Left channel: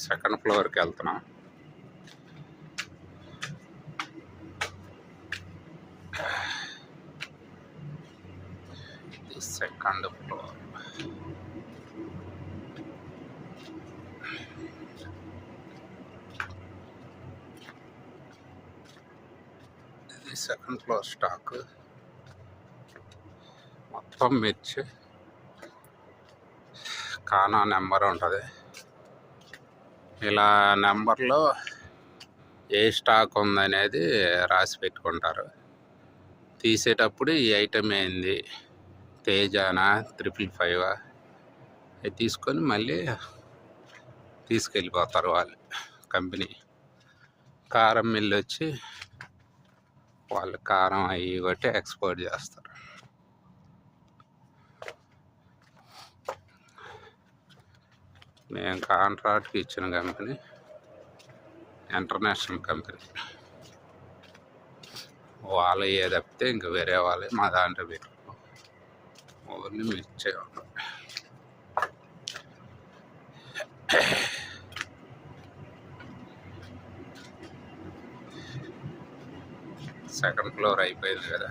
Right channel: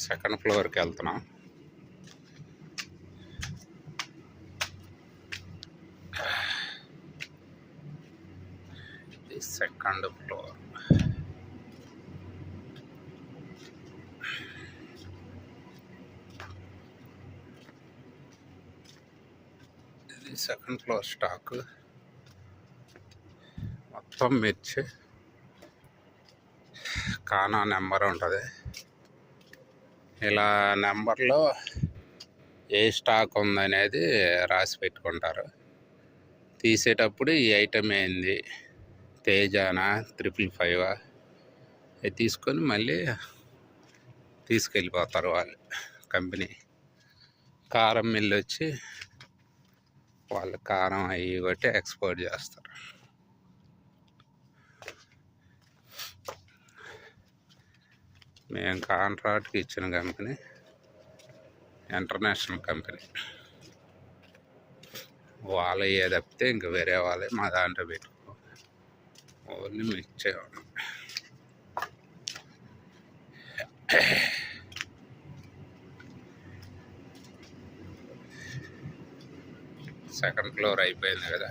సెకండ్ ఫ్లోర్కి వెళ్తున్నాం. Second floor. ఇది సెకండ్ ఫ్లోర్ స్టాక్. మొత్తం మిర్చి. కానా నెంబర్ ఉంటుంది. ఇలా నెంబర్లో ఏ స్టాక్ ఉందనేది రాసి పెట్టుకుంటారు. తీసేటప్పుడు ఈ ఐటెం ఏంది, తేజానా 555 అది తీసుకొని మళ్ళీ తీసుకెళ్ళిపోతారు వాళ్ళు. కంపెనీ కారం మిల్లు వచ్చి వాళ్ళు కారం అవి కొట్టి ఎక్స్పోర్ట్ చేస్తారు. మేము కాంట్రాక్ట్కి ఇచ్చిన కంపెనీ ఇంటర్నేషనల్ కంపెనీ. వాళ్ళు ఏ తప్పితే ఇంక వేరే వాళ్ళే మా దాంట్లో పెట్టుకో, ఓన్లీ మీరు ఇచ్చేవాళ్ళు. సెకండ్ ఫ్లోర్ అయిపోయింది కదా.